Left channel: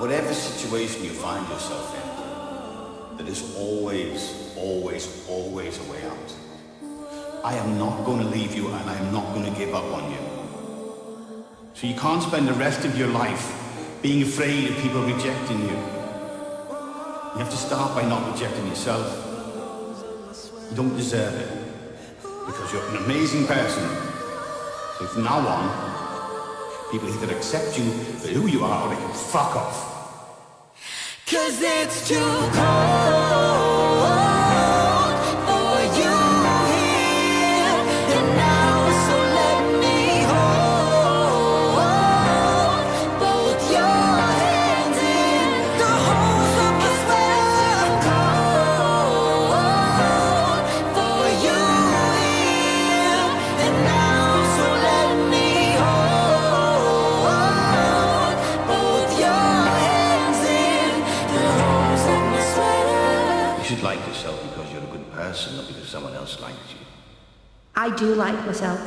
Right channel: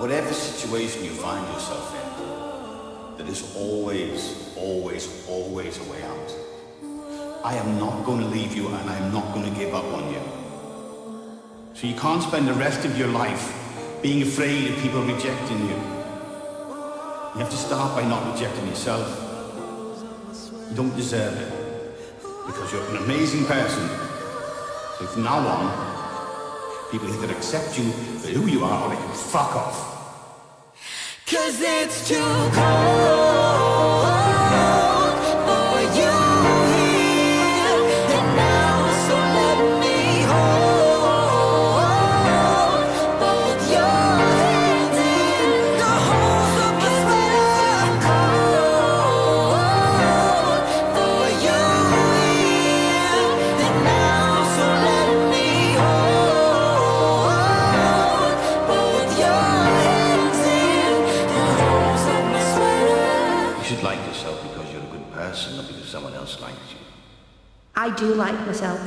Whatever situation you find yourself in, there is always, always, always a way out. I am not going to leave you, and I am not going to give up on you. So you can't spend the rest of your life being afraid of people rejecting you. You have to start by not rejecting yourself. You don't deserve it, because you're an amazing person. So from now on, people either accept you for who you are, or they can fuck off. 'Cause it's too cold for you here and now, so let me hold both your hands in the holes of my sweater. Cold for you here and now, so let me hold both your hands in the holes of my sweater. You should like yourself because you're a good person, not because someone else likes you. I do like myself.